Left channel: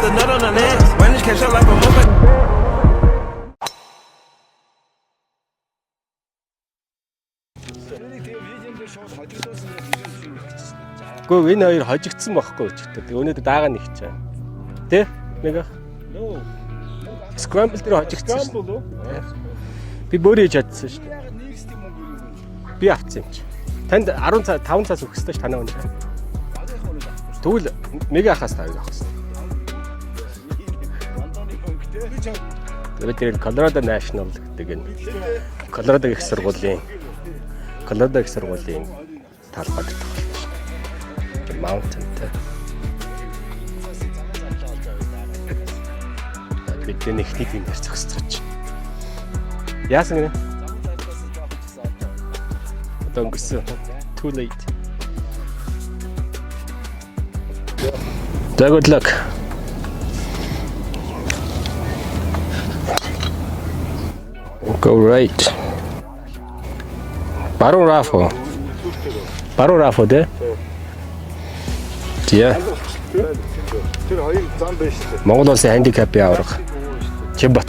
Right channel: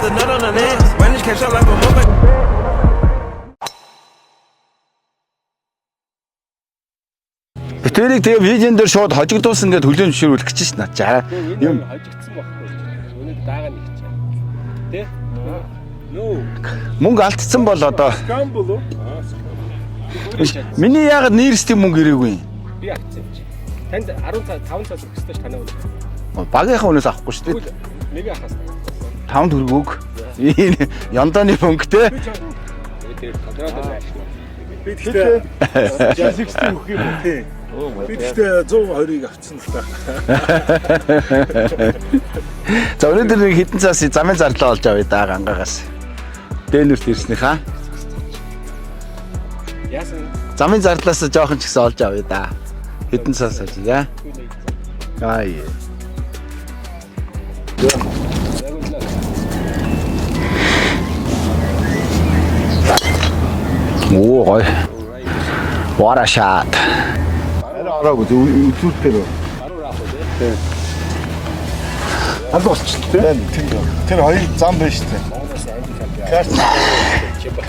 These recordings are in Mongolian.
put the nut on the neck. Spanish cash out like a motherfucker. Битэрийг тэгээ видеон дээр шууд хожигдуулсан гэдээ хүлээн зөвшөөрүүлэх гэж шин наа. Гэхдээ энэ хоёр хожигдсан байхгүй ч гэдэг. Өнөөдөр дагаа нэг чаа. Тэ? Мөнгө алдсан бол одоо. Би бөөрий шат. Миний яагаад нэрстэй мөнгө ирээгүй юм? Би авцсан юм чи. Танд 5 цаас өгөх ёстой ш танаа өнөө. Багийнхаа өнөөс авахгүй шүү. Тэгвэл мега хаас тавих ёстой. 5 төгрөг өг. Янданы мөнгө те. Тэгээд Colorado National гэдэг. Би тэгэхээр Colorado National. Канада 120-ыг авцсан. За өнөөдөр нэг хитэн цаас замын зарлаа олж авъя да гангаагаас. Дэнүрт ирсэн хаа. Яасан юм? Замын зарлаас жоохон ч гэсэн олж авъя да. Хитэн цаас яа. Too late. Ай. So good luck. Оо гой. Go right. What a shot. Баруун рафо. Үзүүлдэг. Баруун рафо тэ. Яа. Аль болчихлоо. Тэр хоёр зам байна шүү дээ. Монгол улсын handicap яа. Чим бат.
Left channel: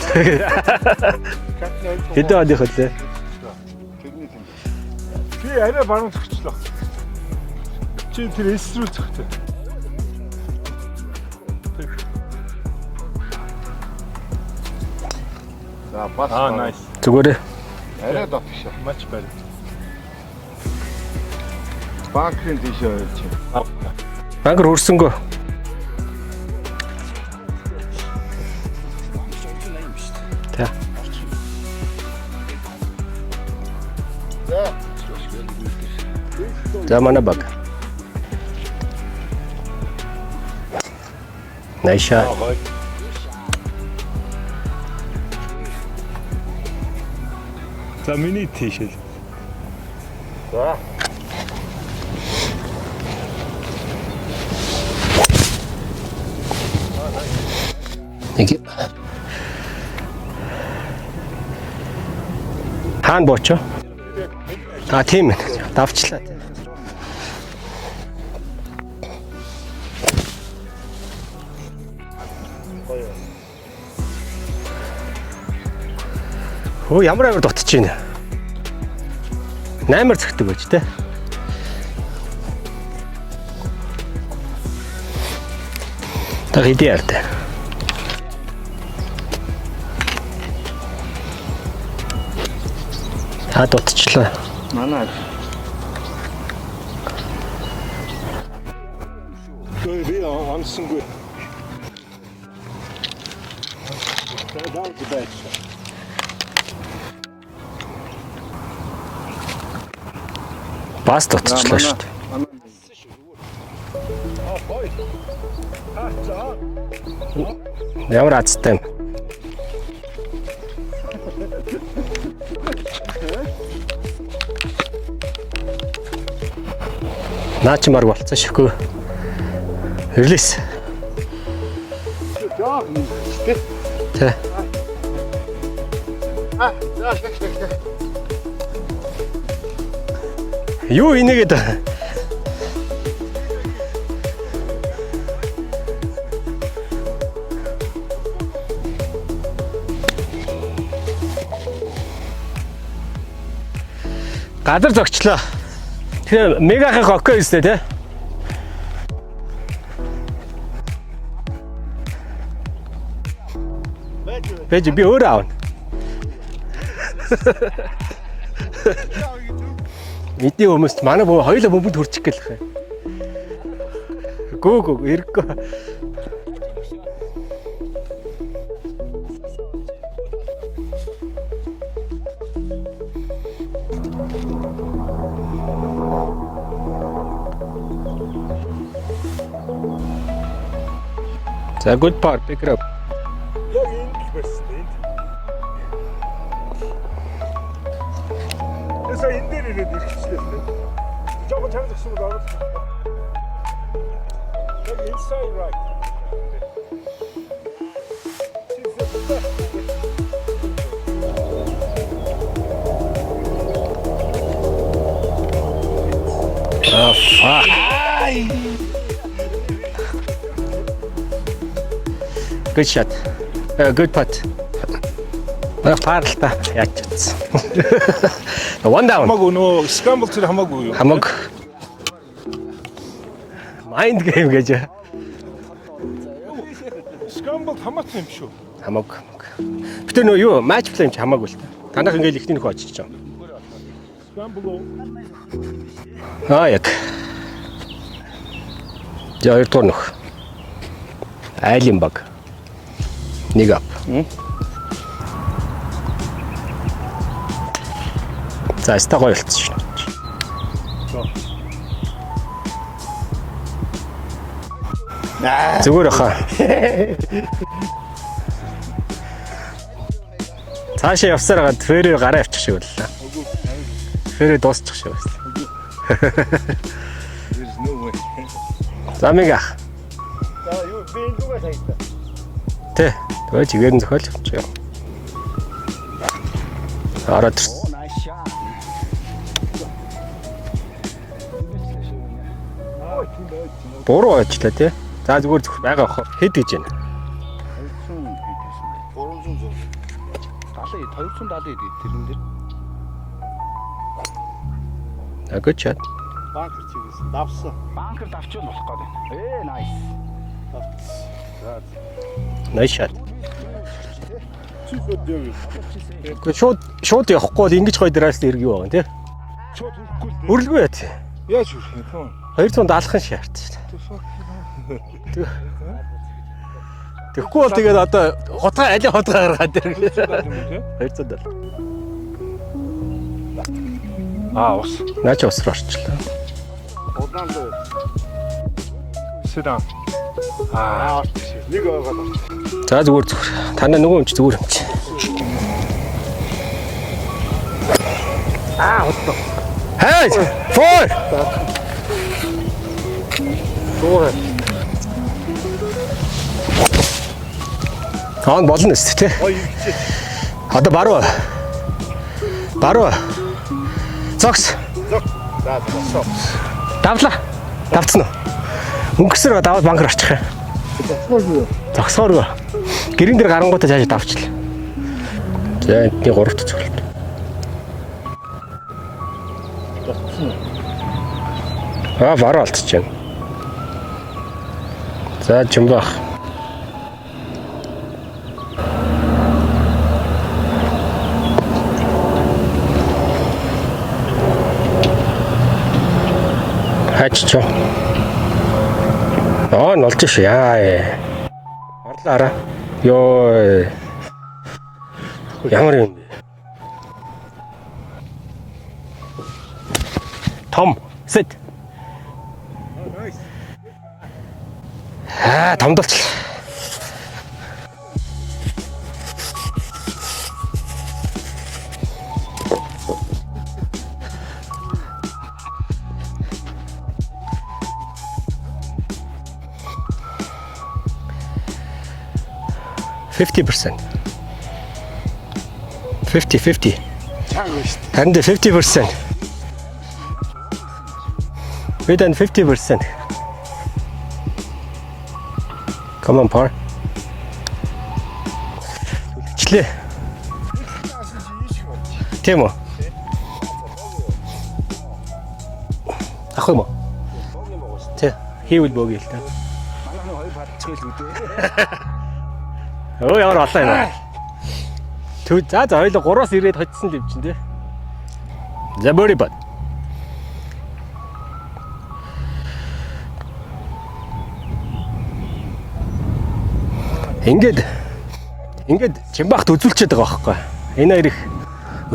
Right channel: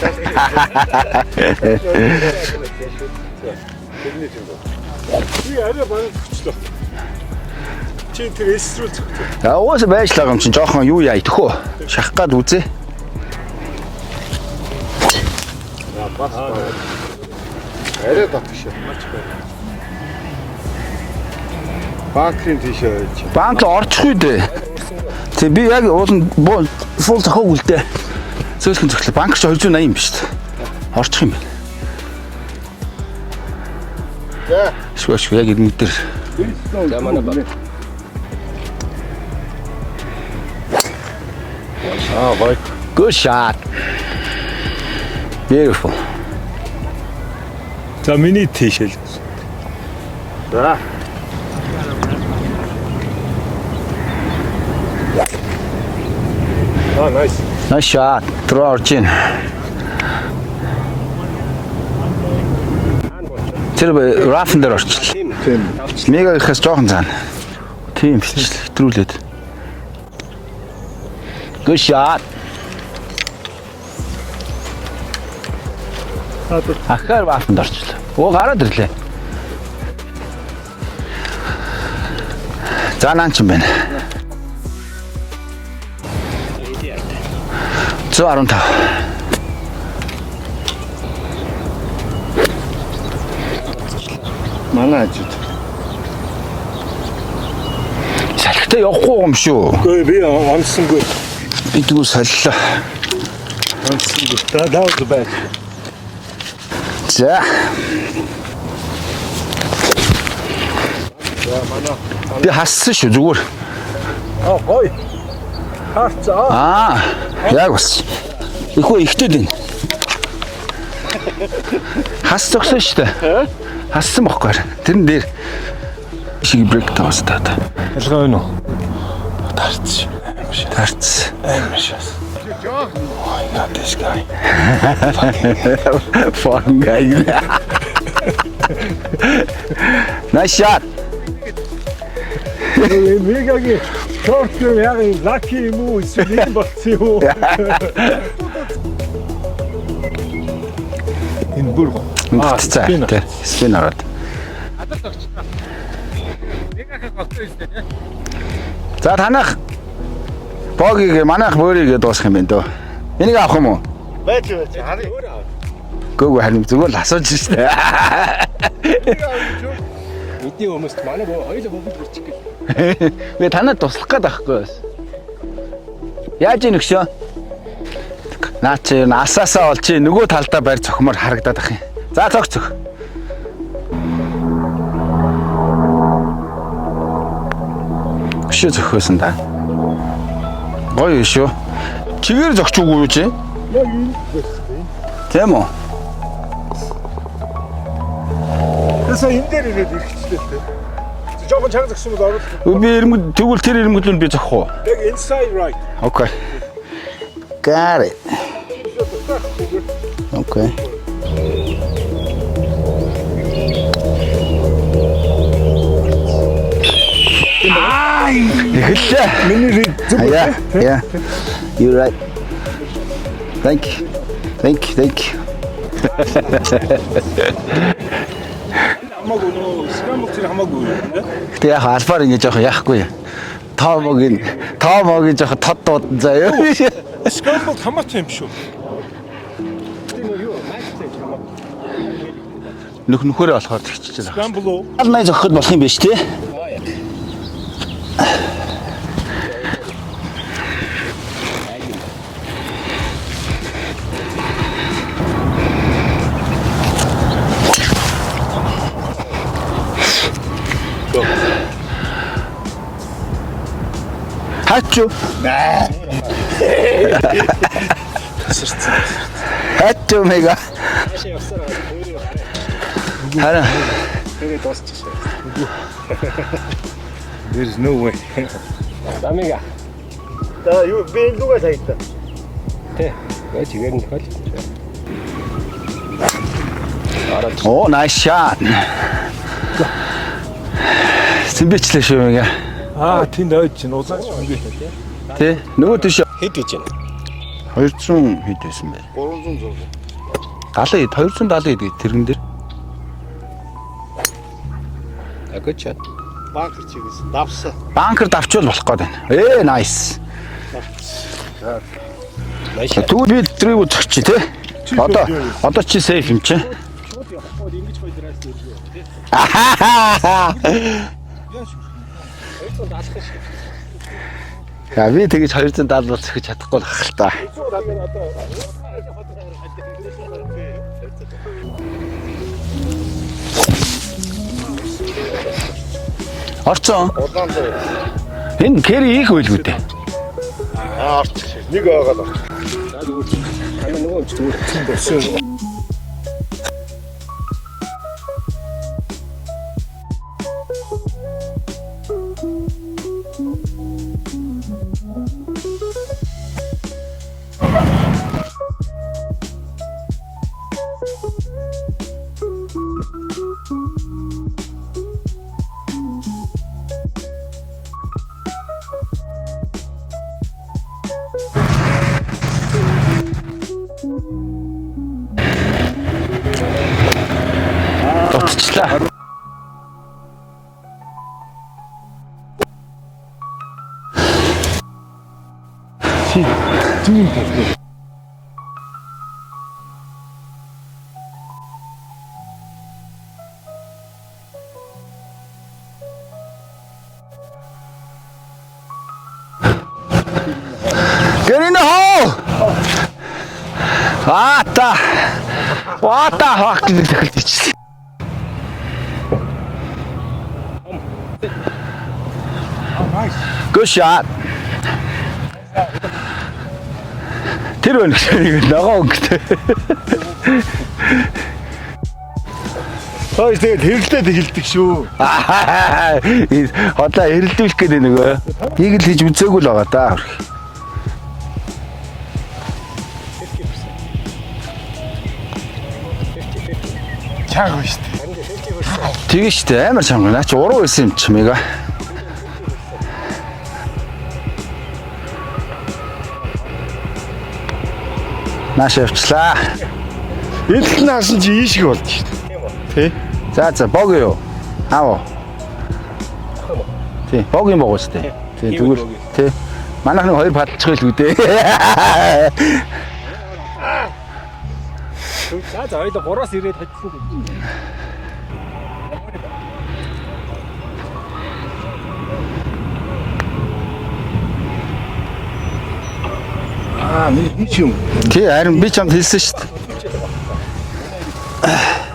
Бид одоо хөтлөө. Би арай баруун зөвчлөө. Чи тэр эс рүү зөвчлөө. Яа уус байжлаа юм чинь жоохон юу яа идэхөө. Шахах гад үзээ. Зүгээрээ. Арай дотгошоо. Банкын тийшээ байж. Банк орчих үү дээ. Банкэр хөрсөнгөө. Тэг би яг уулын фул зохиог үлдээ. Зөөлхөн зохиолоо. Банк ч 280 юм биш үү? Тэг. Орчих юм. Шгүй яг энэ дээр. За манай баг. Nice shot, boy. Good shot. Beautiful. За миний тийшэл. За. Nice. Nice shot. Руу орж ийн. Хаан боочо. Тэр рафн дээр орчих. Тийм. Давчлаа. Мега ихээс жоохон цаана. Тийм бичлээ. Хэтрүүлээд. Good shot. Оо ямар авчихж байна. Оо гараад ирлээ. 8-аар цогтөг байж тэ. За наан ч юм байна. Та хэдий яртай. 115. Та дутчихлаа. Манай ажид. Салхитай явахгүй юм шүү. Гүй би онцсонгүй. Би тэгвэл солилоо. Онцсонгүй. Даад бай. За. Бас дутчихлаа шүү. Би хассан шүү зүгээр. Гой. Харцаа. Яг бас. Ямар азтай. Ихөө ихтэй дин. Хас зогсон шүү дээ. Хассан бохгүй. Тэрэн дээр шиг брейк таастаа. Наа чи маргуулсан швгүй. Тарц. Релиз. Тарц. Фон гай. Nice shot. Юу инегээд Мегагийн шорт яг лаки юм уу эсвэл болцсон юу? Энэ бүр Спин ороод. газар зогчлоо. Тэгэхээр мегахын хоккей өстэй те. За танах богийг манайх бөөрийгээ дуусах юм байна дөө. Энийг авах юм уу? Бэж би өөрөө аав. Гүг харин зүгээр л асууж шүү дээ. Мэдээ хүмүүст манай бөө хоёулаа бөмбөд хүрчих гээл. Би танад туслах гээд байхгүй. Гүү хэрэггүй. Яаж ийн өгшөө? Наа чи насаасаа бол чи нөгөө талдаа барь цохимоор харагдаад ах юм. За цогцох. Өшөө зөхөөсөн та. Гоё шүү. За good. Чигээр зогчгүй юу чи? яг энэ байсан. Тийм үү? Тэсээ энэ дээр ирээд ирэхлээ. Жохон чанга зогсон бол орол. Би ирмэд тэгвэл тэр ирмэдлүүнд би зохих уу? Яг inside right. Okay. Got it. Okay. Эхэллээ. Миний зүг. Яа. You're right. Good shot. Thank you. Good putt. Thank you. Baарлаа. One down. Хамаагүй нөө скрамбл тэр хамаагүй. Хамаг. Гэтэ яг альфаар ингэ жоох яахгүй. Тоомогийн жоох тод дуудан заяа. Скрамбл хамаатай юм шүү. Хамаг. Гэтэ нөө юу матч плей юм чи хамаагүй л. Танах ингээл ихний нөхөө очих чинь. Нөхөрөө болохоор тэгчихэж байгаа. Скрамбл уу? Алнаа зохиход болох юм биш тий. Яг. За хоёрдугаар нөх. Айлын баг. Нэг. За стагой болчихсон шүү. Хаач юу? Зүгээр хаа. Хаач юу мэйга. Цаашаа явсаар гад фэрээр гараа авчих шүү. Хараа. Фэрээр дуусчих шүү. There's no way. Замига. За юу би лугаа сайтаа. Тэ. Өө чигээр нь зохиол чи. Арат. Оо nice shot. Симбичлээ шүү мэйга. Тэнд ойд чинь уу. 3 ойчлаа тий. За зүгээр Нөгөө тийш хэд гэж байна. 200 хэд байсан бэ? 300. 270 хэд тэрэн дээр. Good shot. Банкер чигээс давсан. Банкер давчвал болох гээд байна. Nice. Nice shot. Тэгвэл би трийг үзчих чи тий. Одоо чи сейф юм чи. Шууд явахгүй бол ингэж гоё драас ирэх юу байгаа тий. Үрлээ. Яаж үрэх юм? 270 шавт. За би тэгэж 270 бол зөхиж чадахгүй л хах л та. Тэгэхгүй бол тэгээд одоо хотгоо аль хотгоо гаргаад ирэх. 200. Ус. Яаж орчлоо. Орцсон. Удаан дээр. Энэ кэри их байлгүй дээ. Орч. Нэг байгаа л. За зүгээр. Таны нөгөө юм чи зүгээр. Hey! Four! Аа болно шүү дээ. Одоо баруун. Баруун. Зогс. За босоо. Давлаа. Давцсан уу? Өнгөрсөр даваад банкер очих юм. Зогсооргүй. Гэрэн дээр гарангуудаа цааш давчлаа. За би гурвч. Дутчлаа. Баруун алдчихэв. За чимбаа. Хаччо. Нолж ш яа. Гэрэн хоо. Ёо. Та. Ямар юм? Та хак гэж хэлчихсэн. Том. Sit. Good shot. Томдолч. Тэр байна гэж нөгөө өнгөтэй. Хөөе тэгээд хэрэлдээд хэлдэг шүү. Одоо хэрэлдүүлэх гэдэг нөгөө.Ийг л хийж үзээгүй л байгаа да. 50%. 50. Чааг ба штэ. Харин 50%. Тэгээ штэ амар чанга. Наач уруу байсан юм чи мэга. Бид энэ 50%. Come on, par. Нааш явчлаа. Эдл наасан чи ийшг болж штэ. Тийм үү? Тий. За бог юу? Аав. Ах юм уу? Тий, бог юм бог штэ. Зүгээр. Тий. Манайх нэг хоёр падчих л үдээ. Өө ямар олоо юм. За хоёул 3-аас ирээд хоцсон юм чинь тий. За бори бат. Ингээд юм. Тий, харин би чамд хэлсэн шүү. Багт үзүүлчихэд байгаа байхгүй. Энэ хоёр их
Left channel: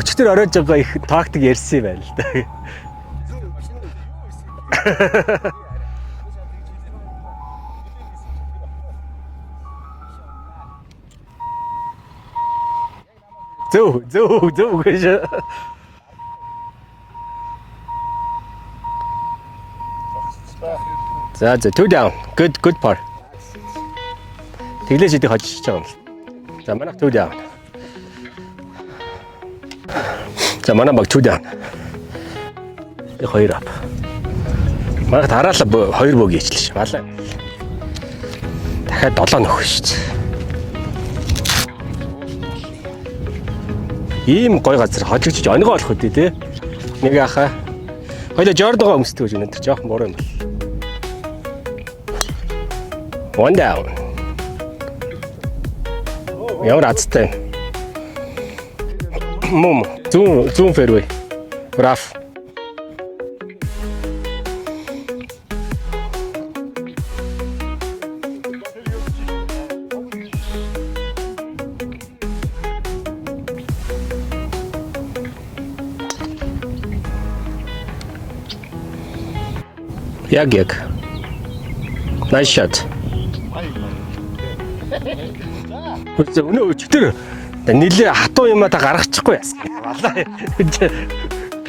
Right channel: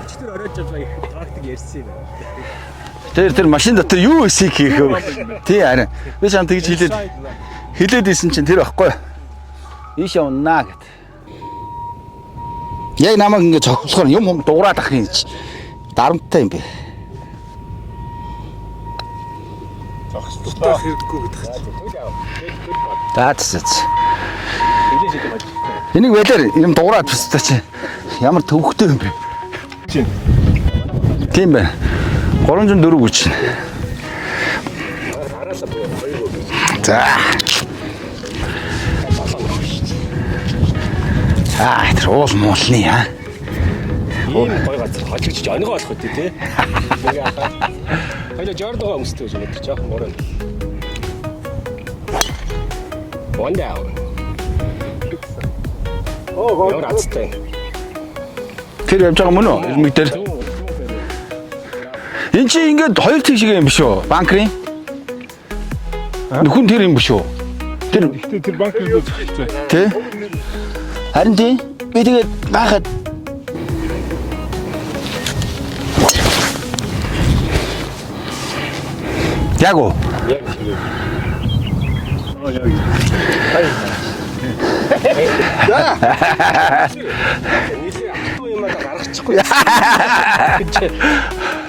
өчтөр оройж байгаа их тактик ярьсан юм байна л да. Тэр машин дотор юу хийх хийх вэ? Тий, харин би чамд тэгж хэлээд исэн чинь тэр байхгүй. Ийш явнаа гэд. Яг намайг ингэ цогцолгоор юм дуурайх юм. Дарамттай юм бэ. Цогцолтой хэрэггүй гэдэг. За two down. Good part. That's it. Хилээж идэх хожиж байгаа. Энийг байлаар юм дуурайх гэсэн чи. Ямар төвхтэй юм бэ? За манай баг two down. Тийм байна. 304 хүч. Магад хараалаа 2 бог хийчихлээ. За. дахиад 7 нөхөр шүү дээ. Тэр уул муулны Ийм гой газар хожигч өнгө болох үү те. Нэг ахаа. Хоёул жордогоо өмсдөг гэж өнөдр жоохон буруу. One down. Ямар азтай. Тэр явж байгаа мөн үү? Мэдэр. Зүүн фэрвей. Браав. Энд чи ингээд хоёр тэг шиг юм биш үү? Банкрын. Нүхэн тэр юм биш үү? Тэр банкрын Тэ? Харин тий би тэгээд байхад Яг уу? Яг. Nice shot. Тэр нилээ хатуу юмаа та гаргачихгүй.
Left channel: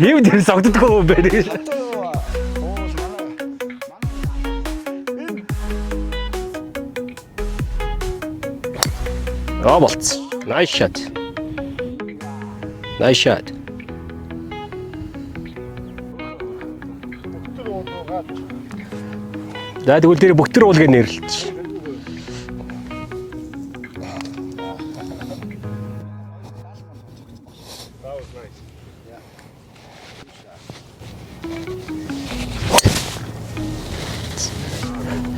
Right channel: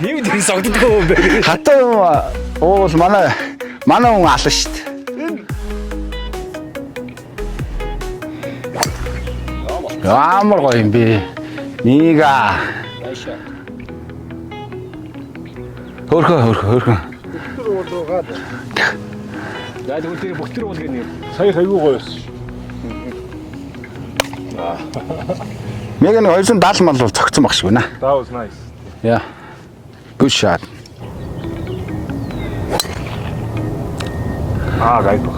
Ийм дээр согддог юм байна. Хатуу уул манай хүн ална шүү дээ. Болцсон. Амар гоё юм би. Нийга. Nice shot. Хөрхөө. За тэгвэл тэр бүхтэр уулгийг нэрлээ. Сая аюу гоё. Мега нэг 270 мал бол цогцсон баг шүү нэ. That was nice. Yeah. Good shot. Гайгүй.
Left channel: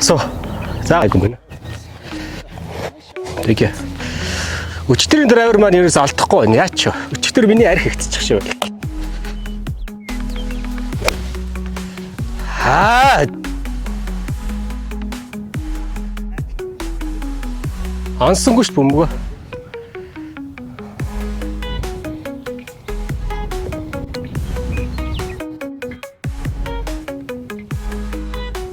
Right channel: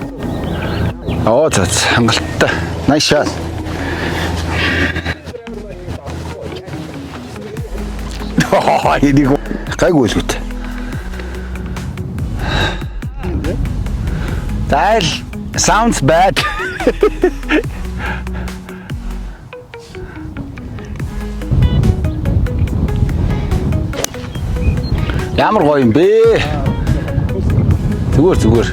За. Хангалттай. Nice shot. Тэг. Өчтөрийн драйвер маань ерөөс алдахгүй байна. Яач вэ? Өчтөр миний арх ихчих шүү. Энийг гайгүй л үт. That sounds bad. Ансангүй ш бөмбөгөө. Ямар гоё юм бэ? Зүгээр.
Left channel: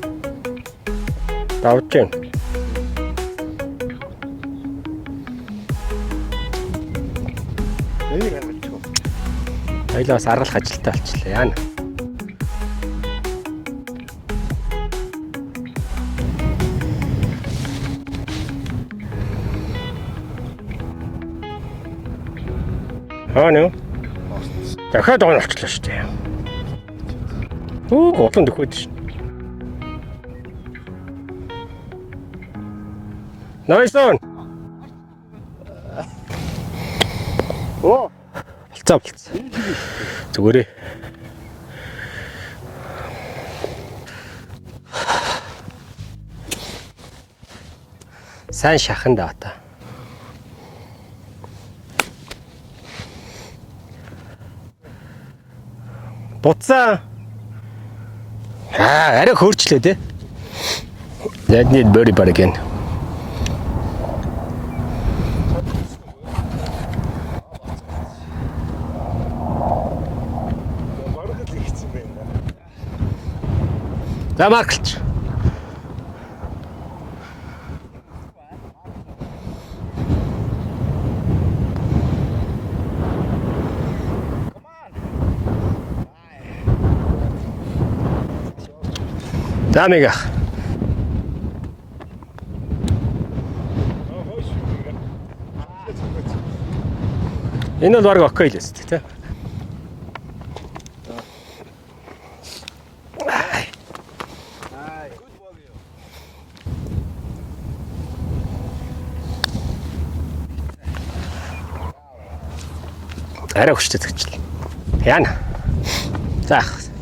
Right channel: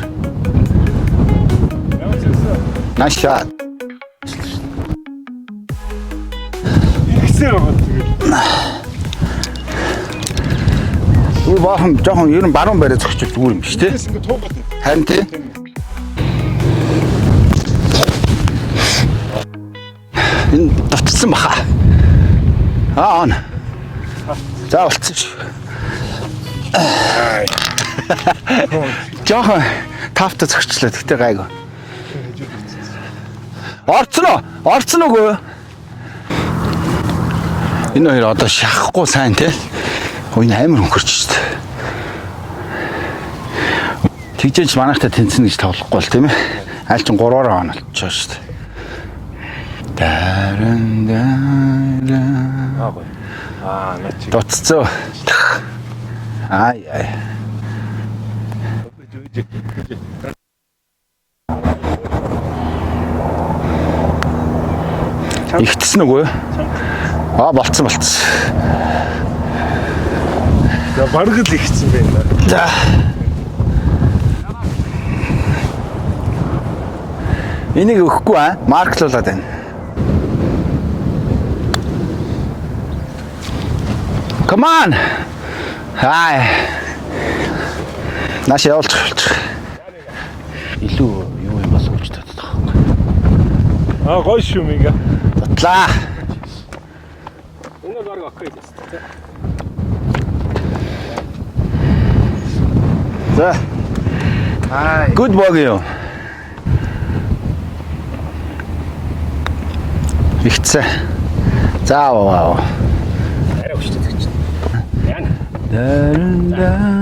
Авч. Nice shot. Тэгээс аргах ажилтаа. Яны баахан жоохон ер нь баруун барай зогсчих зүгээр юм шүү дээ. Харин тий. Энэ давтсан баха. Нөө. За дахиад оночлаа шүү дээ. жоохон тавта зогсчлаа гэхдээ гайгүй. Орцсон уу? Энэ хоёр одоо шахахгүй сайн тий. Энэ амар хөнгөрч шүү дээ. Тэгжээж манайхтай тэнцэн гэж тоглохгүй л тийм ээ. Аль ч 3-аар оноолчихоо шүү дээ. Сайн шахан даа. Дуццоо. Буцаа. Арай хөөрчлээ тий. That need birdie putt again. Игтсэн үгүй юу? Болцсон. Бараг л ихсэн байна. За. Марклч. Энийг өгөхгүй марклуулаад байна. Come on. Наш явуулж. Дамига. Илүү юу юм болов гэж боддог. Гоё шүү минь. Батлаа. Энэ бол баг окей л өст тий. Good bogey юу? Ихцээ. Зааваа. Арай хүчтэй зэгчлээ. Яана. За,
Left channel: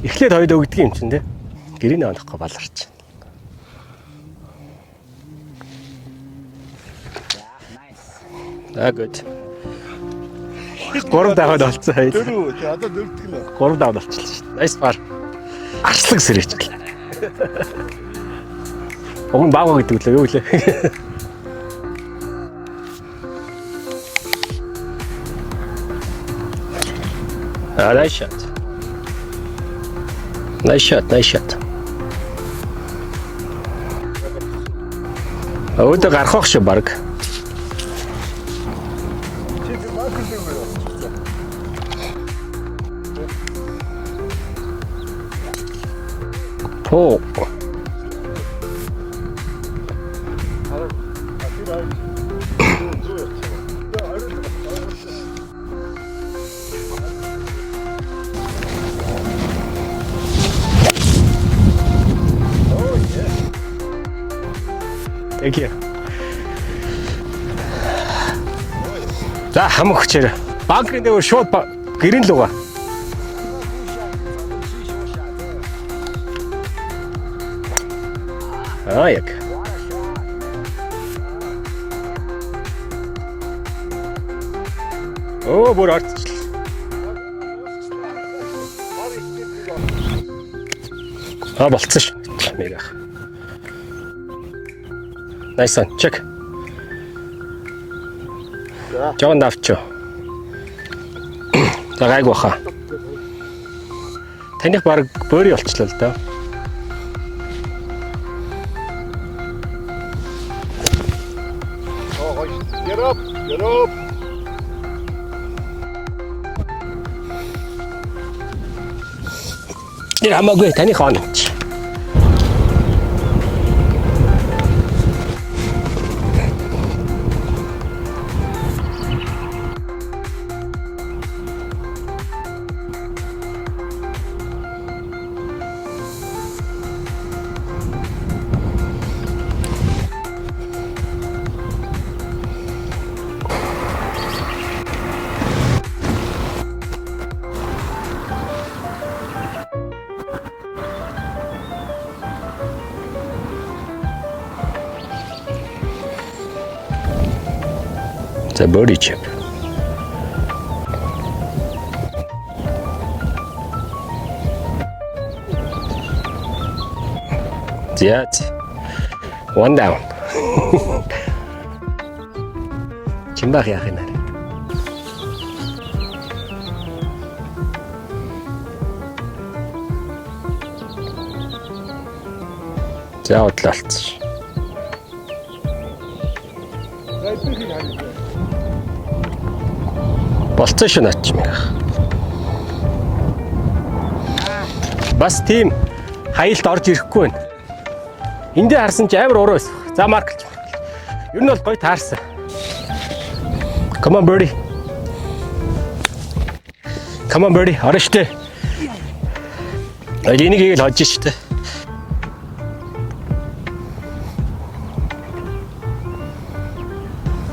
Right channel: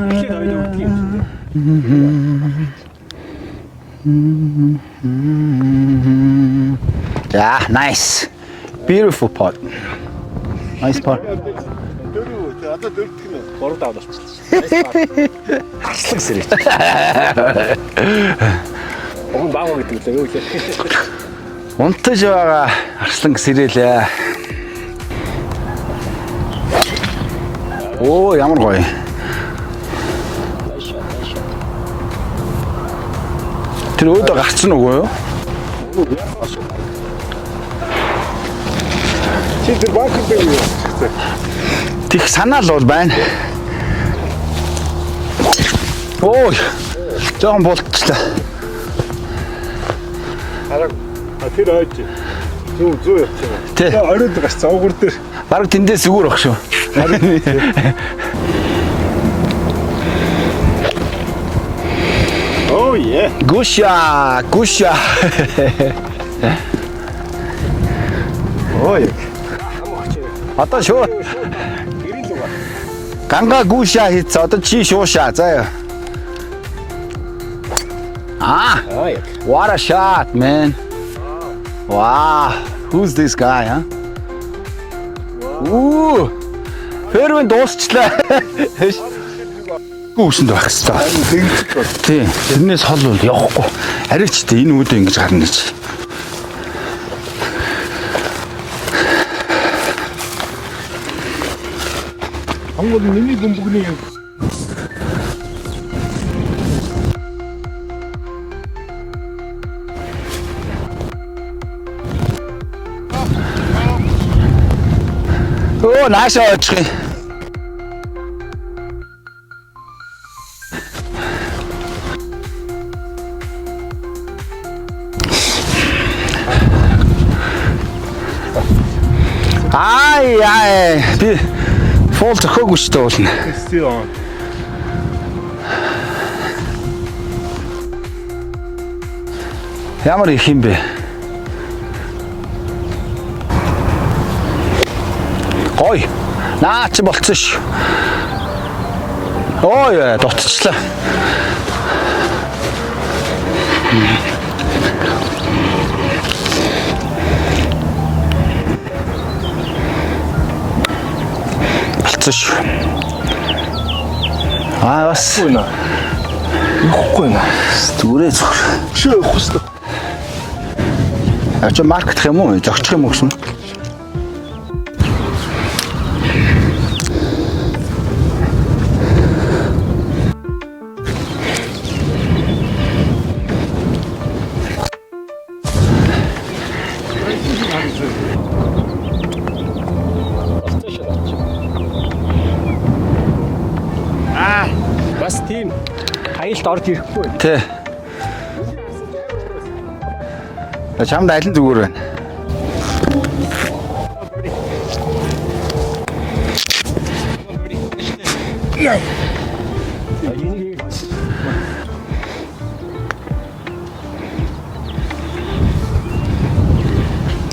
эхлээд хоёул өгдөг юм чинь тий. Гэрээ олохгүй баларч. За, nice. Beautiful pot. Гурав даваад олцсон хоёул. Одоо дөрөвдөг нь. Гурав даваад олчихлаа шүү дээ. Nice part. Арслаг сэрэж. Өмнө баага гэдэг лээ юу лээ. Унтаж байгаа арслан сэрээлээ. Оо, ямар гоё. Nice shot. Тэр өөдөө гарцсан уу юу? Өөдөө гарах шүү баг. Чи тэр банкнд юу? Тих санаал бол байна. Ой, жоон болчихлоо. Хараа. Тэр ойж. Зүү явчих. Тэ. Оройд гарцсан уугур дээр. Бараг тэндээс зүгээр баг шүү. Oh yeah. Гуша. Ой. За хамаг хүчээр. Одоо шууд гэрэн л угаа. Ганга гуша хийц. Одоо чи шууша. За. Oh yeah. What a shot, man. Wow. Who's this guy, huh? Оо. Фэрвэн дуусчлаа. Үүсэнд байх хэрэгтэй. За болцсон шүү. Тэрнээс хол бол явахгүй. Арай ч тийм энэ үүдээ ингэж гарна гэж. Хайсаа. Чек. Жон давч. Багайг баха. Хонгол миний бөмбөгний юм. Таних баг бөөрий болчихлоо л доо. Оо, нааш очих. Тэр хамаагүй таны хаана. Ай. Би фол зөхөөгүй шүү дээ уулна. Still on. Ямар их юм бэ? Ой. Наач болцсон шүү. Ой, дутчихлаа. За мөрич. Болцсон шүү. Бас Ихгүй наа. зүрээ зөв. Шөө хөс. One down. Чи маркетх юм уу? Зогчих юм уу гэсэн? Чимбах яах юм бэ? За одлaalц. Болцсон шүү наач юм яах. Бас тийм хаялт орж ирэхгүй байна. Тэ. Эндээ харсан чи амар уруу байсан. За марк. Чамд аль зүгээр. Таарсан. Come on birdie. Come on birdie. Орштой. Энийг ийм л хожиж штэ.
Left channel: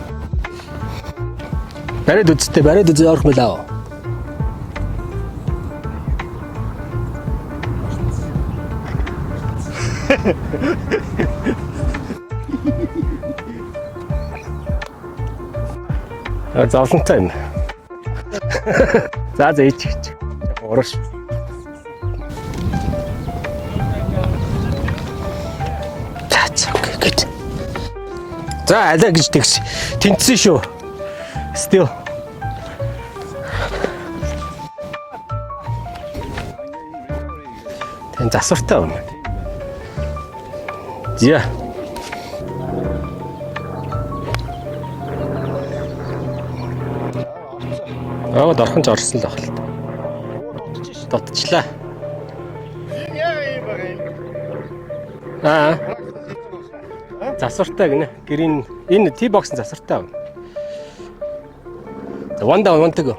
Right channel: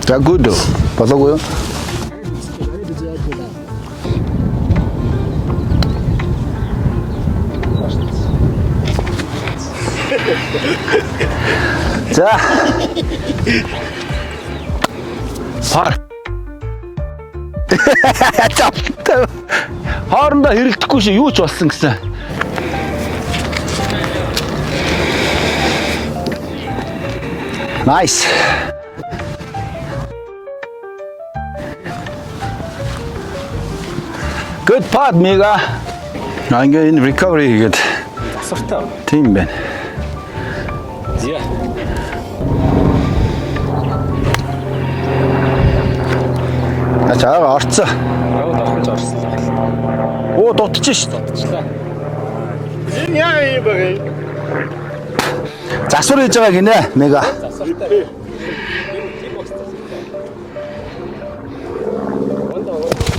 За good. Болоогүй юу? Барайд үзтээ барайд үзээ орох мэлээ. За. Хар. Зовлонтой юм. За дээч. Хоорондоо хэрэгдэхгүй шүү юу ч болсон гэсэн. Nice. За алаа гэж тэгш. Тэнцсэн шүү. Still. Good putt, Miga. Ингээ энэ recovery хийгээд Засвартай. тийм байна. Зя. Ачаа орцсон. Оо дорхон ч орсон л байна. Оо дутчих ш. Дутчлаа. Энэ яа юм бэ? Засвар хийж байгаа гинэ, Мега. Засвартай гинэ. Гэрийн энэ T-box засвартай. За one down one to go.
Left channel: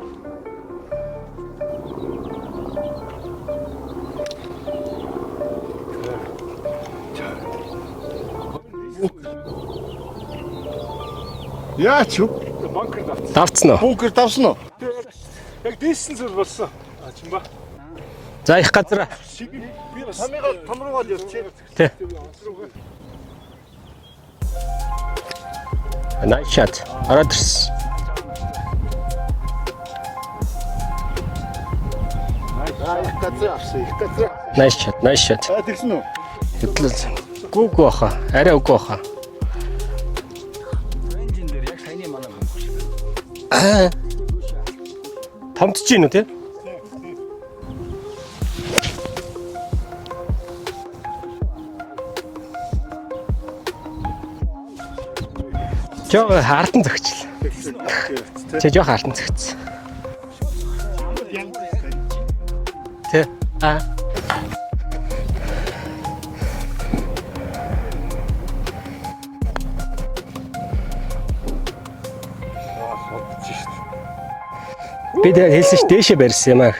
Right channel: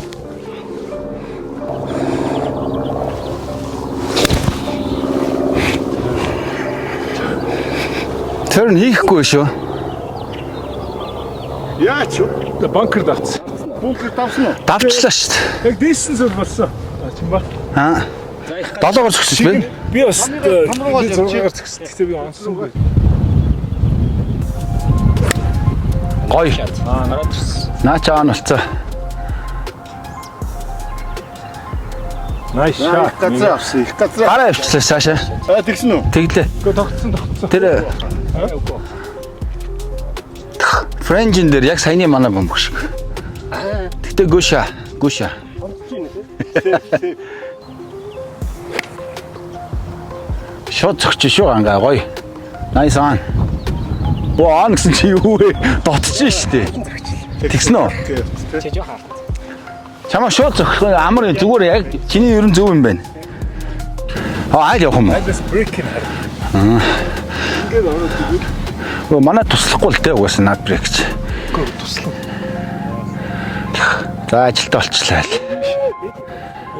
Тэр хийхгүй шүү. Яач юу? Банкер давцсан. Давцсан уу? Бункер давсан уу? Давчлаа шүү. Яг дийсэн зүйл болсон. Чимба. За их гадар. Долоогоор зөксөж байна. Би бас томрогоо зургаар зөксөж би онсонгүй. Ой шат. Ороод ирсэн. Наачаа нь болцоо. Nice shot. Газар авсан. Их газар. Гараа явчихсан цаашаа. Шат. Тэгсэн үү? Тэглээ. Үгүй Тэр баха. Арай үгүй баха. френжин дээр яг саяны манай бомбог шиг. Гэтэ гүша. Томдож гин үү те? Шот зөгч шүү ангаа гоё. Nice on. Оо он гэсэн чи юу вэ? Дотчихсон шүү дээ. Хаалтан зөгчл. Тэгсэн үү? Чи жоох хаалтан зөгцсөн. Чамаа шууд зөгөх амар зүгээр яг чиний ерөн зөв юм байна. Тэ. Айл явах юм уу? This breaking. Оо манай туслахгүй л дээ угаасаа над брейкч. Туслаа. За ажилтаа болчихлаа. Би яг хэлсэн ш дээшээ барьсан юм аа.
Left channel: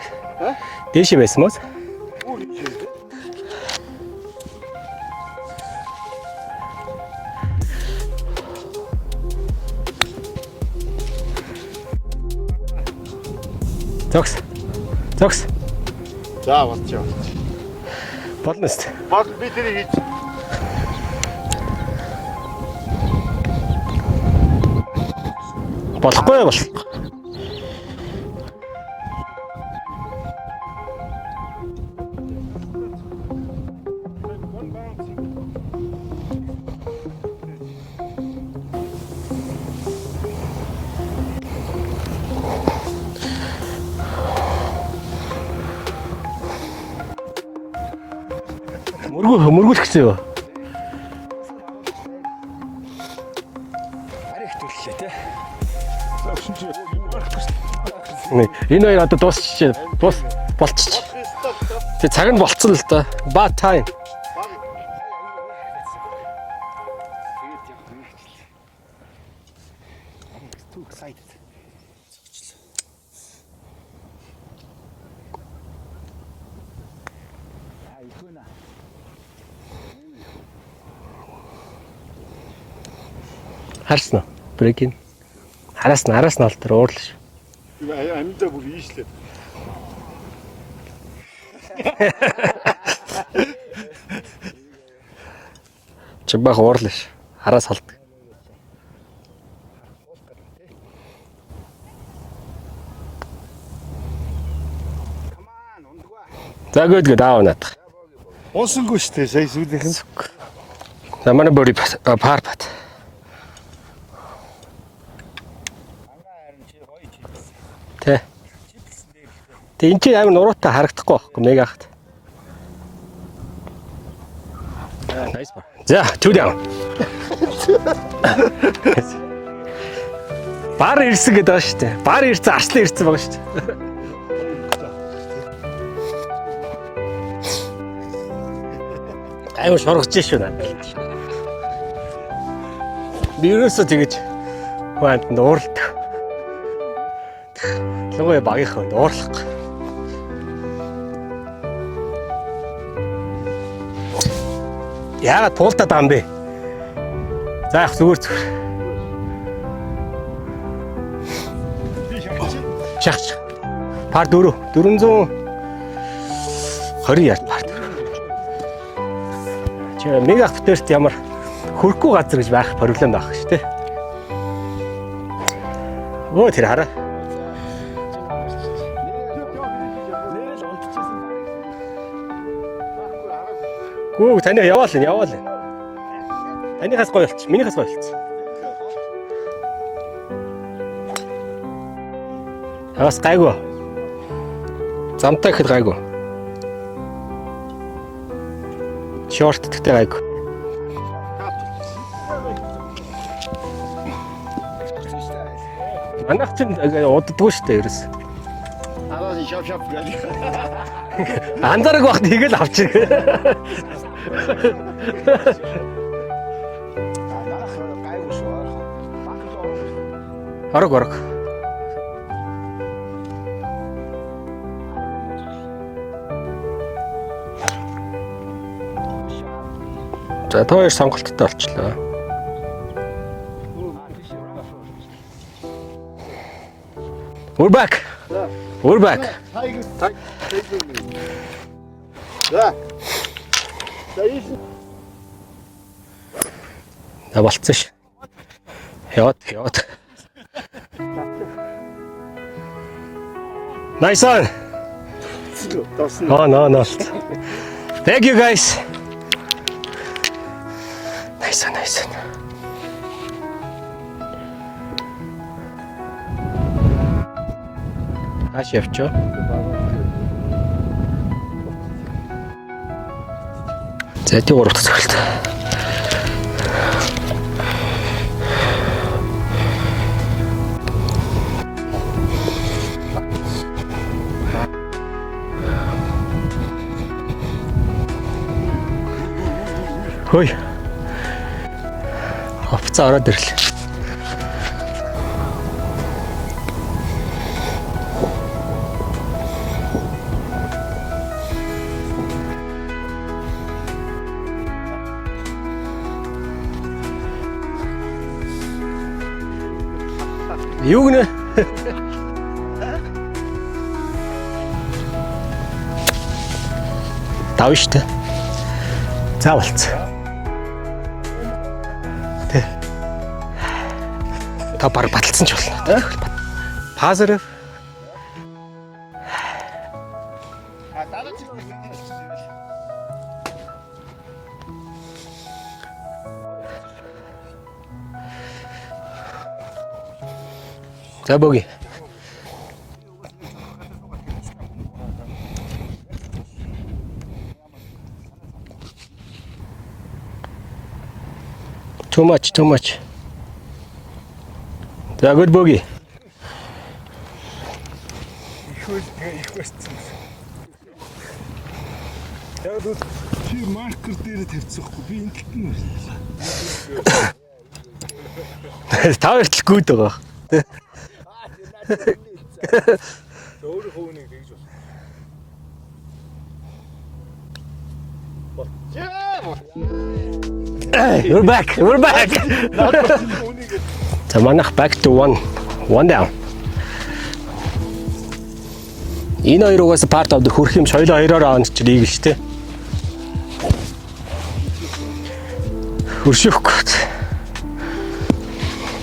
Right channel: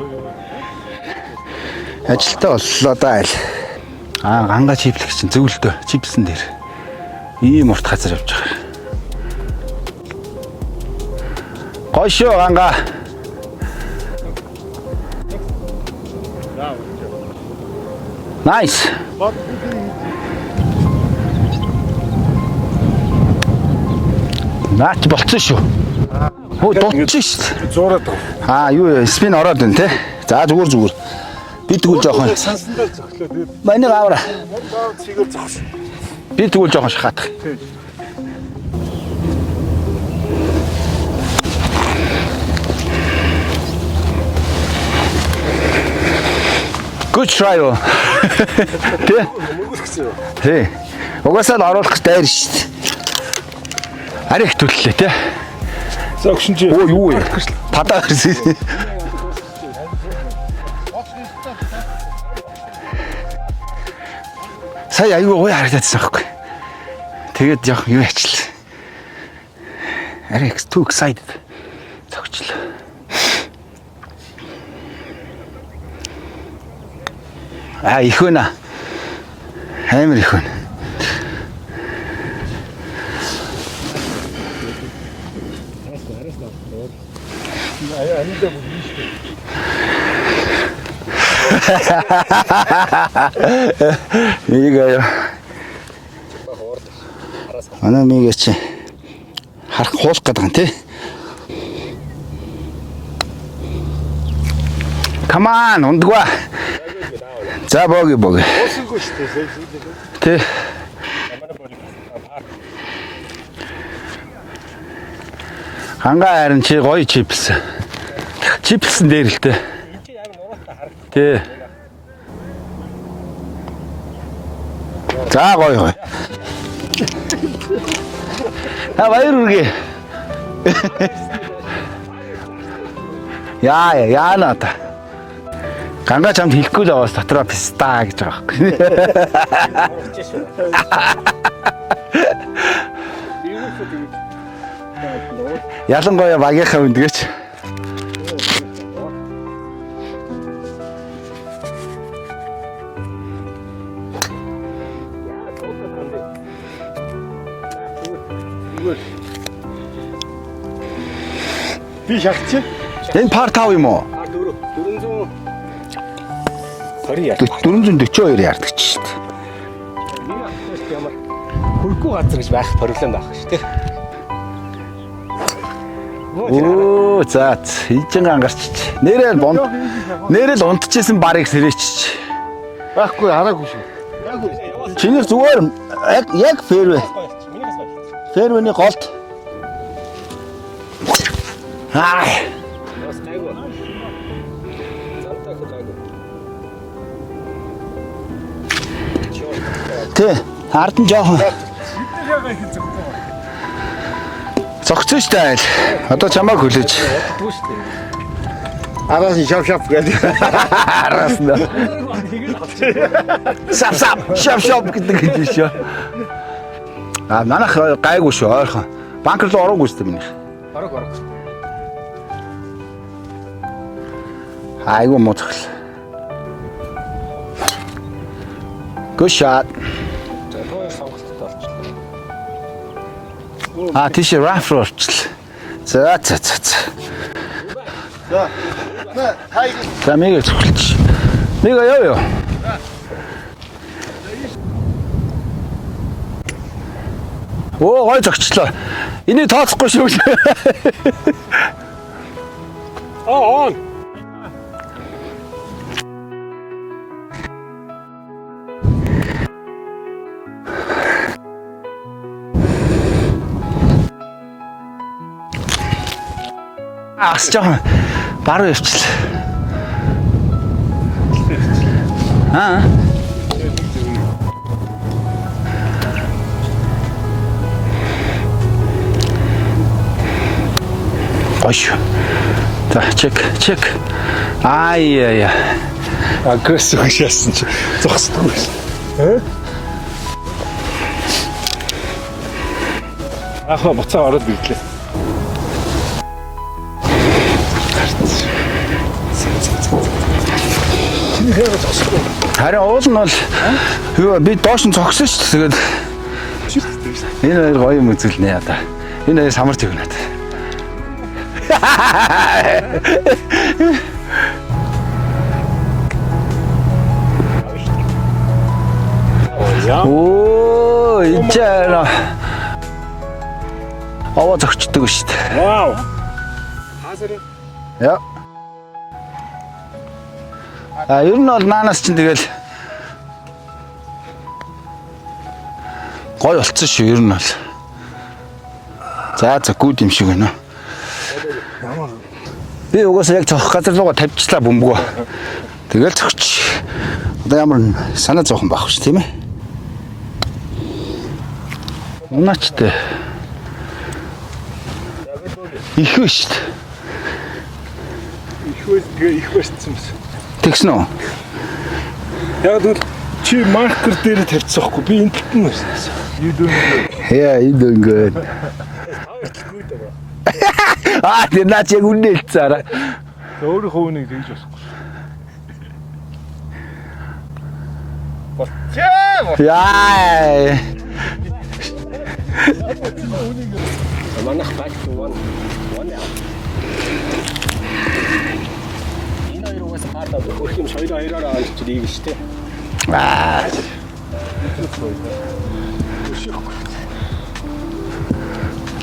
Дээшээ байсан мó. Ажилтаа боллоо да айл. Ганга чиплэх чинь зөвлөдөө чипсэн дээр. Ийм урт газар явж байгаа. Гоё шүү ганга. Зогс. За. Nice. Наач болцсон шүү. Болохгүй бол. Дутчих шүү. Зуураад. Юу спин ороод байна те. За зүгээр. Би тэгвэл жоохон. Сансандаа зөглөө. Манай авра. Цэгээр зогс. Би тэгвэл жоохон шахаадах. Good try. Мөргүүлэх гэсэн юу? Тий. Угаасаа л оруулах дайр шүү дээ. Арай их төллөө те. За өгшин чи. Оо юу вэ? Падаа ирсэн. Энэ хоёр одоо дуусчих. Болчих. Тэг цаг нь болцсон л да. Bad time. Сая аюу гоё харагдчихсан байхгүй. Тэгээд яг юу ачлаа. Арай too excited. Цогчлоо. Их байна. Амар их байна. Харсан уу? Break. Араас нь алдар уурлаа шүү. Анидаа бүр ийш бэ. Мигээ Чимбах уурлаа шүү. Араас хал. манай мигээ чи харах хуулах гэдэг юм тий. Come on, ундгва. За good аавна. За боги. Уусангүй шүү дээ. Сая сүүлийнх. Тий. За манай бори парпат. Хангаа харин чи гоё чипсэн. Тий. Чипсэн дээр л дээ. Тэг эн чинь амар нуруутай харагдахгүй. Нэг ахт. За гоё. За түлээ. Баяр үргээ. Бар ирсэн гэдэг байгаа шүү дээ. Бар ирсэн, арслан ирсэн байгаа шүү дээ. Яана та. Ганга чамд хэлэхгүй л байгаас дотроо ста гэж байгаа байхгүй. Аюу сургаж шүү наа. Би ерөөсөө тэгэж баад нуурлах. Ялангуяа багийнхаа үнд гэж. Ялангуяа багийнхаа үнд уурлах. Яагаад туултаад байгаа юм бэ? За яг зүгээр. Би шахчих. Энэ пар 5 юм уу? Пар 4. 420 яард. 442 яардаг ч шүү дээ. Чи мега автоэрт ямар хөрөхгүй газар гэж байх проблем байх шүү дээ. Оо тэр хараа. Оо за хижин ангарчч. Нэрэл унтчихсэн барыг сэрээчч. Байхгүй хараагүй шүү. Гүү таны яваал. Чиний зүгээр яг фэрвэ. Минийхээс гоё болчих. Минийхээс гоё болчих. Фэрвэний голд. Бас гайгүй. Замтай ихэд гайгүй. Шорт гэдэг гайгүй. Тий. Ард нь жоохон. Зогцсон шүү дээ. Одоо чамааг хүлээж. Уддгүй шүү дээ ерөөс. Араас нь шав гэдэг. Араас нь. Андараг багт хийгээл авчих. Шап гэдэг юм биш үү? Манайх гайгүй шүү ойрхон. Банк руу ороогүй шүү дээ минийх. Орог. Айгу муухай. Good shot. За тоор сонголттой болчихлоо. Тийш раф орчлоо. За. We're back. За мигээ зөвлөж. Мигээ яа. Болцсон шүү. Оо гой зогчлоо. Энийг тооцохгүй шүү. On. Nice on. On. Thank you guys. Nice. Аас жоохон баруун ирчлээ. За тий 3 дахь цогцолт. Ош. За чек. Ай. Агрессив шаасан чи зогсдоггүй. Хөөе. Буцаа ороод ирлээ. Ахаа буцаа ороод ирлээ. Чиний хэрэг зогсдоггүй. Харин уул нь бол юу би доош нь цогсон шүү дээ. Тэгээд энэ хоёр гоё юм үзүүлнэ яа. Энэ хоёр самарч өгнө. Юу гэнэ? Тав штэ. Заавал. Оо, ичээрэ. Аваа зогчтой шүү дээ. Вау. Хазар. Яа. Ер нь бол наанаас чинь тэгэл гой болцсон шүү ер нь бол. За гүд юм шиг байна. За богий. Би угаасаа яг цохох газар руугаа тавьчихлаа бөмбөгөө. Тэгэл цогч. Одоо ямар санаа зовхон байх шүү тийм ээ. Too much. За гүд богий. Их вэ шүү дээ. Их байсан юм. Тэгсэн үү? Яг л чи маркер дээр тавьчихсан хгүй би энэ тэтэн байсан. Яа, you doing good. Тав эртэл гүд байгаа. Тэр наач яг үнэ хэлцээрээ. Өөрийнхөө үнийг тэгж бас. Яа. We're back. За манайх back to one down. Энэ хоёр угаасаа part of the хөрх юм соёлоо хоёроор авах чинь ийгэл шүү дээ. Хөршөхгүй.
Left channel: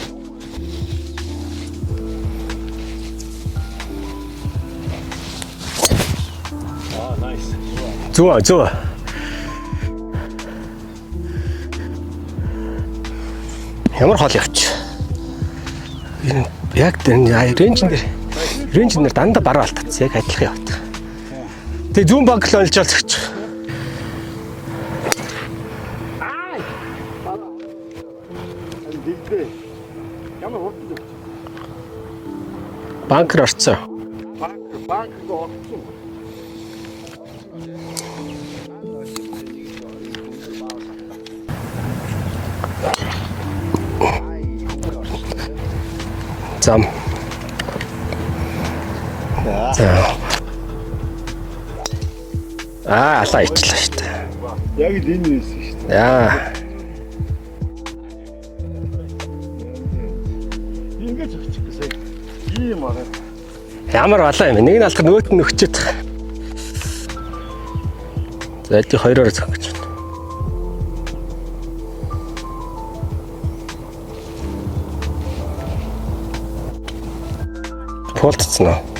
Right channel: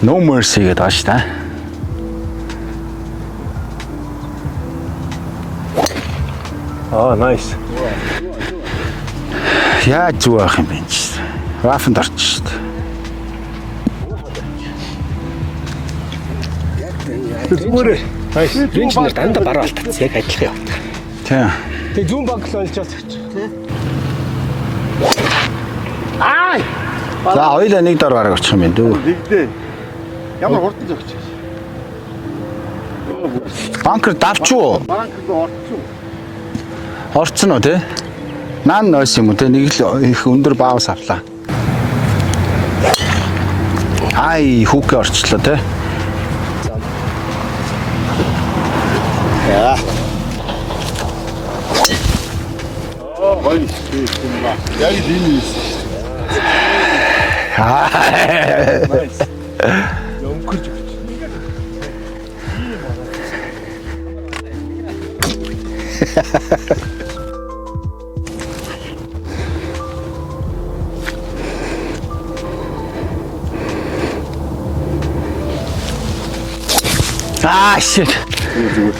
No mercy гэдэг ааш та. Nice. Зүа. Яа зүг авах юм бэ чи. Рафанд орчих шүү дээ. Ямар хол явч. Яг рейнж нэр дандаа бараа алдсан. Яг адилхан явт. Тийм. Тэг зүүн банк л олж олцчих. За хоёулаа нэг дор гараг очих юм байна дүү. Нэгдээ. Ямар хурдан зогч. Банкер орцсон. Банкер давч уу? Банкд орсон. Орцсон уу те? Наан нойс юм уу те? Нэг л их өндөр баавс авлаа. Ай хүүхээ орчлоо те. Зам. Яа. Сайжлаа шүү дээ. Яг ийм юм. Яа. Ямар балаа юм. Нэг нь алдах нөгөөт нь өгчөөд. Яд хоёроор зогч. Shit. Хурцсан.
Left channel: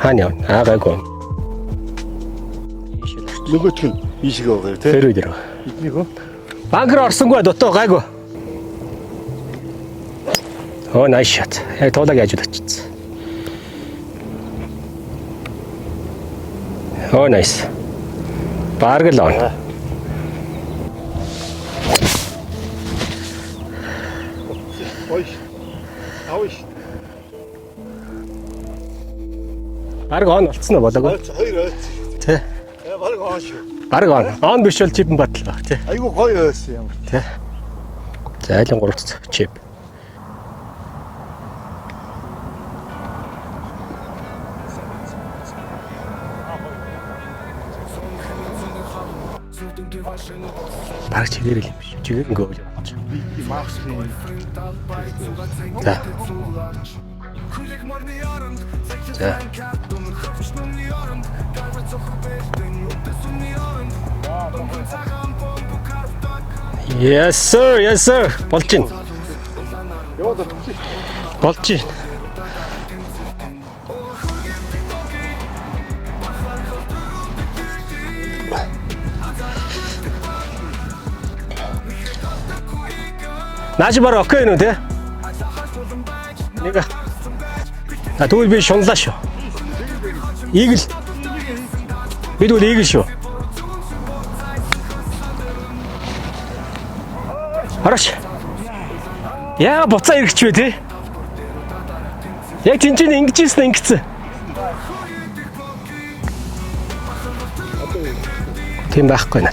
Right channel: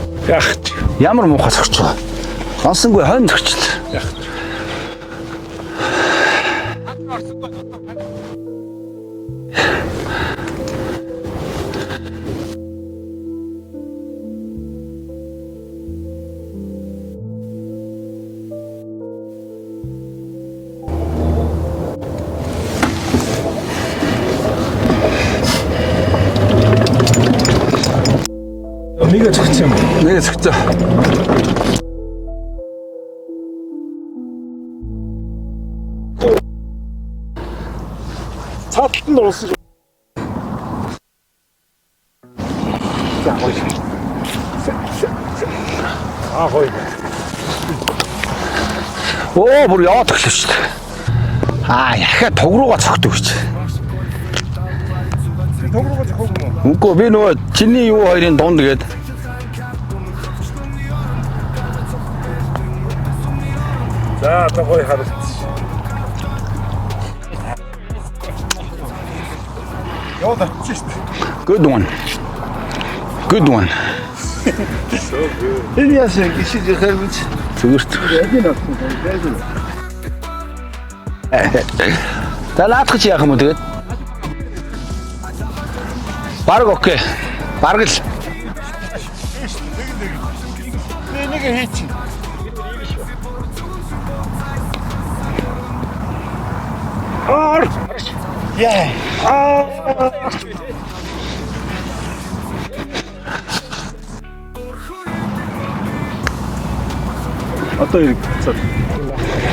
Хаана яа гайгүй. Ямар муухай зогч вэ? Сонсонгүй хонь зогч. Тийшгүй байгаа тий. Тэрүүд яа. Банкер орсонгүй дутуу гайгүй. Oh nice shot. Яг туулаг яаж очсон. Oh nice. Бараг л он. Нэг зогцсон юм. Нэг зогцсон болоо. Тэ. Бараг он. Он биш бол чип батал баг тий. Айгу гоё байсан юм. Тэ. За айлын гол. Гоё. Оо бүр яваад өглөө шүү дээ. Бараг чигээр. Яхаа туг руугаа цогтөг гэж. Үгүй би нөгөө чиний юу хоёрын дунд гээд. За гоё харагд. Yes sir. Болчин. Яа. Болчин. Good one. Энэ яасан гişиг хэрвээ Зүгээрт. За наадах чи яах юм тэгээд? Нааш бараг окей нү те? Бараг окей. Бараг л. Тэгвэл би шунлаа шүү. Игэл. нэг хийч. Бид үл игэл шүү. Араш. Яа буцаа иргэж бай те. Яг тэнцэн ингэжсэн ингэсэн. Одоо юу? Тийм байхгүй наа.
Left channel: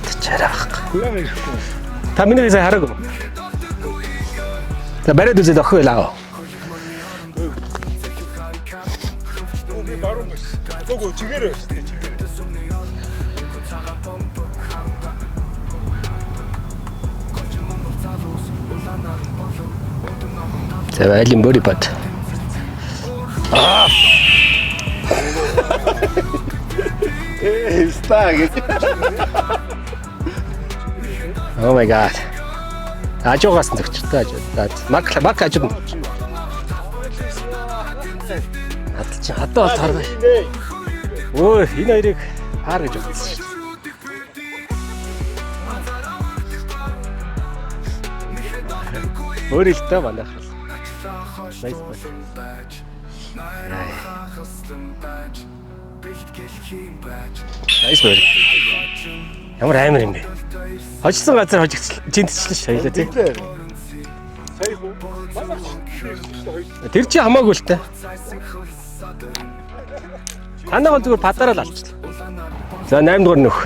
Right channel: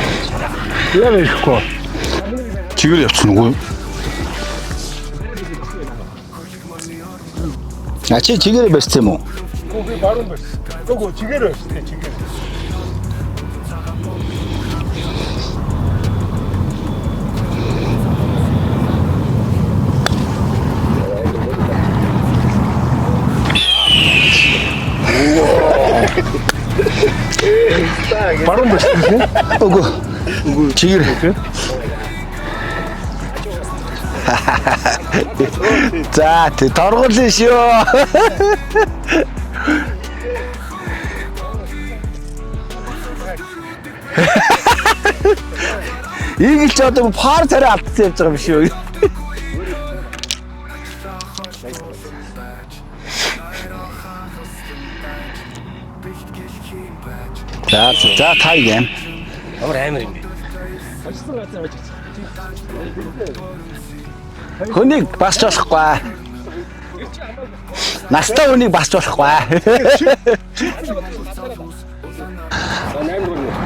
Яа ирэхгүй. Та миний сая хараа. Чигээр явчихна уу? За бариад үзээд охин байлаа. Чи чигээр барьсан юм уу? Би баруун байсан. Нөгөө чигээр байсан. Чигээр. За айлын бөри бат. Баруун дэвшээ. Үгүй. Чигэр. Oh my god. Ажуугаас зөвчтэй. Мак ажуу. За тий торгуулсан шүү. Хатаа хараа. Ой, энэ хоёрыг хараа. Ийм ч одоо пар царай алдсан явж байгаа юм шүү. Өөрийнхөө манай. За тайгэн. Ямар амар юм бэ? Хожсон газар хожигдчихлаа. Жинтчихлээ шаялаа тийм. Хүнийг басч болохгүй. Тэр чи хамаагүй л та. Настай хүнийг басч болохгүй. Танаа зүгээр падараа л алцсан. За 8 дугаар нөх.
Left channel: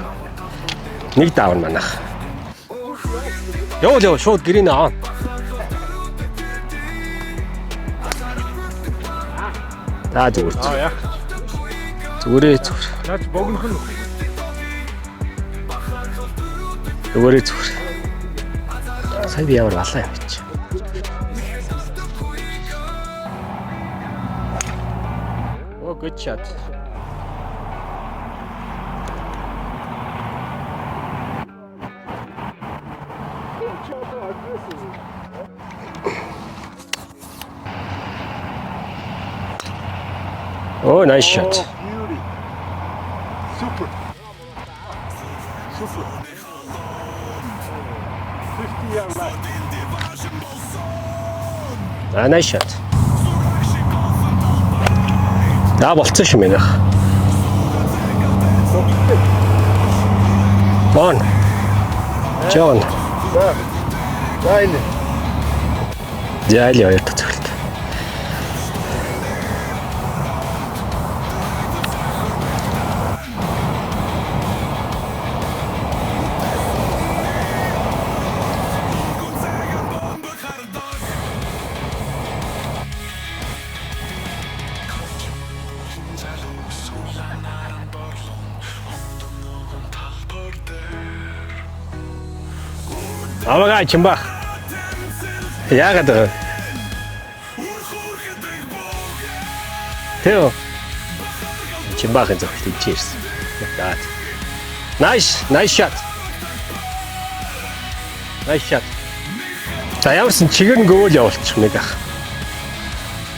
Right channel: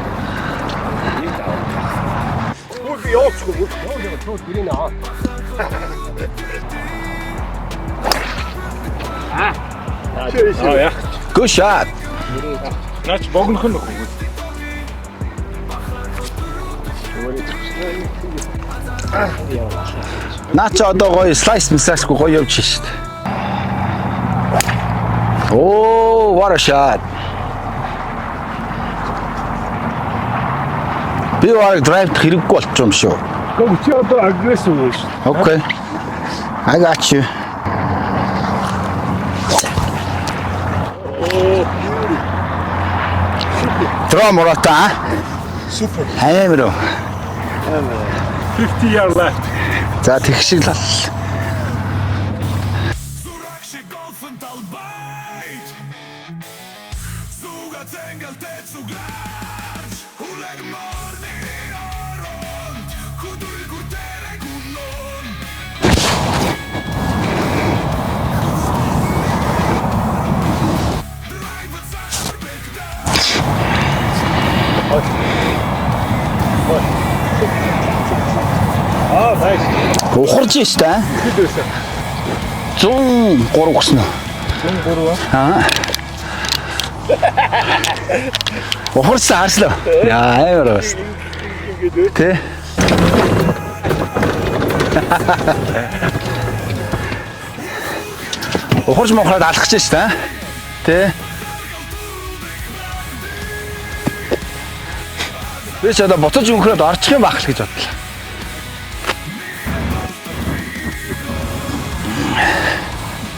Нэг даав манайх. Яа шууд гэрийн аа. Good shot. Зүгээр. Наач богнох нь. Зүгээр зүгээр. Сайн яваа лалаа явчих. Наа чи одоо гоё slice мисасгүй гоё явж шít. Oh, what a shot. Би яг драйв хэрэггүй болчих юм шүү. Гэхдээ чи одоо агрессив байна шүү. Okay. I got you. Oh, nice shot. Throw Morata. Супер. Хаймруу. 50 yard left. За тэгшил л. Nice shot. Да болцсон шүү мэнийх. On. John. Найн. Яали оёд. Ухарч штэ. 103 гуснаа. 103 Аа. Ухарсан харслаа. Яа, яарас. Тэ. Аваа чимба. Яагаад вэ? Ухарч мохроод алхаж штэ. Тэ. Тэ. Чимбахэн зөв хийчихсэн. Nice shot. Тэс одоо буцаж өнхрөөд орчих юм байх л гэж бодлоо. Nice shot. За явсан чигээр нь гөөл явуулчих мэд ах.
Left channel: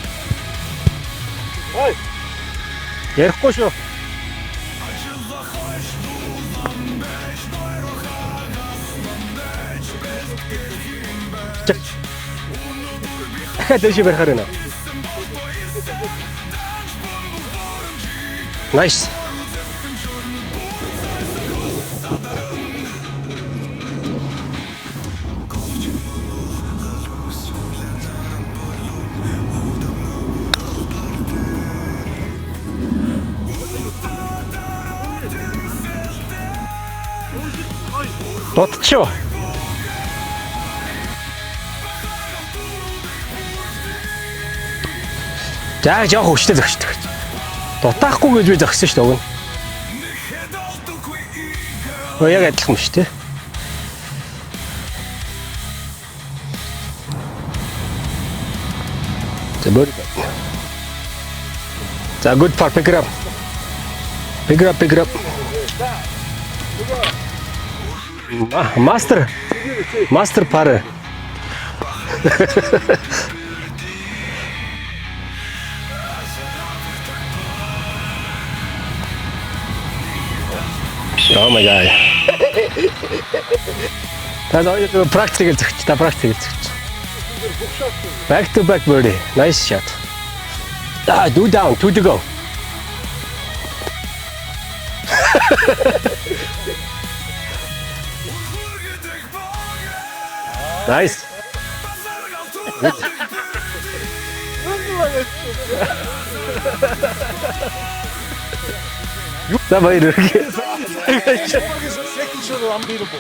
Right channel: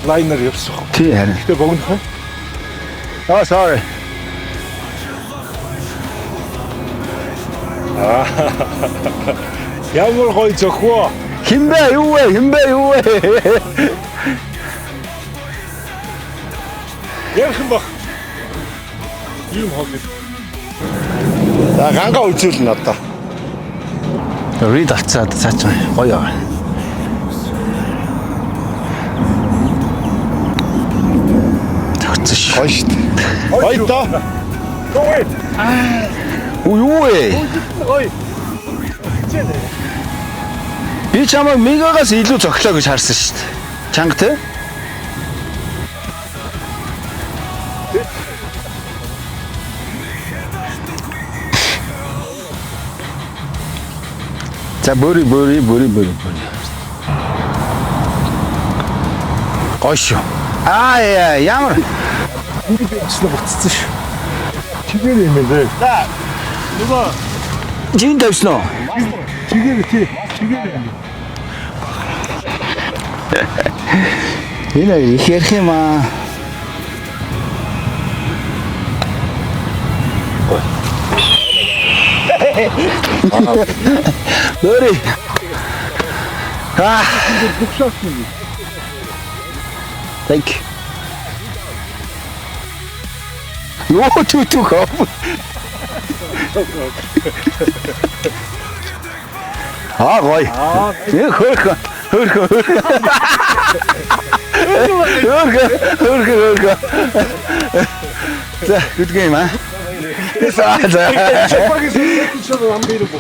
лайнер явсан. Тий харин. Гэтэ богнох. Oh, sorry. Ямар гоё зөхөө. Хинбэ юу вэ? Тэр чи барихаар байна. Ярхан баг. Nice. За ганга үзүүлнэ одоо. Read авцаад цаачаа гоё аа. Тэгсэн ш. Гоё шүү дээ. Гоё доо. Гоё. Юу вэ? Дутчихё. Би чамайг мегагаас илүү зөглөө гэж харсан шүү дээ. Чанга те? За жоох хүчтэй зогсдог. Дутаахгүй гэж би зогссон шүү дээ. Ой яг адилхан шүү дээ. За бөри. Гош. Аа ямар. За good for pick up. Буцсан шүү. Pick up. юм бэ? Жин дэвсэн үү? Master пара. Энэ их ярих юм аа. Oh my god. Адоры практик та практик. Back to back birdie. Nice shot. Thank you. Do down, 2 to go. Юу түү гоо. Аа гоё. Nice. Хөрхө. За, good game аа. За баяр. За. Чамаагийн сэтгүүл амбир бо.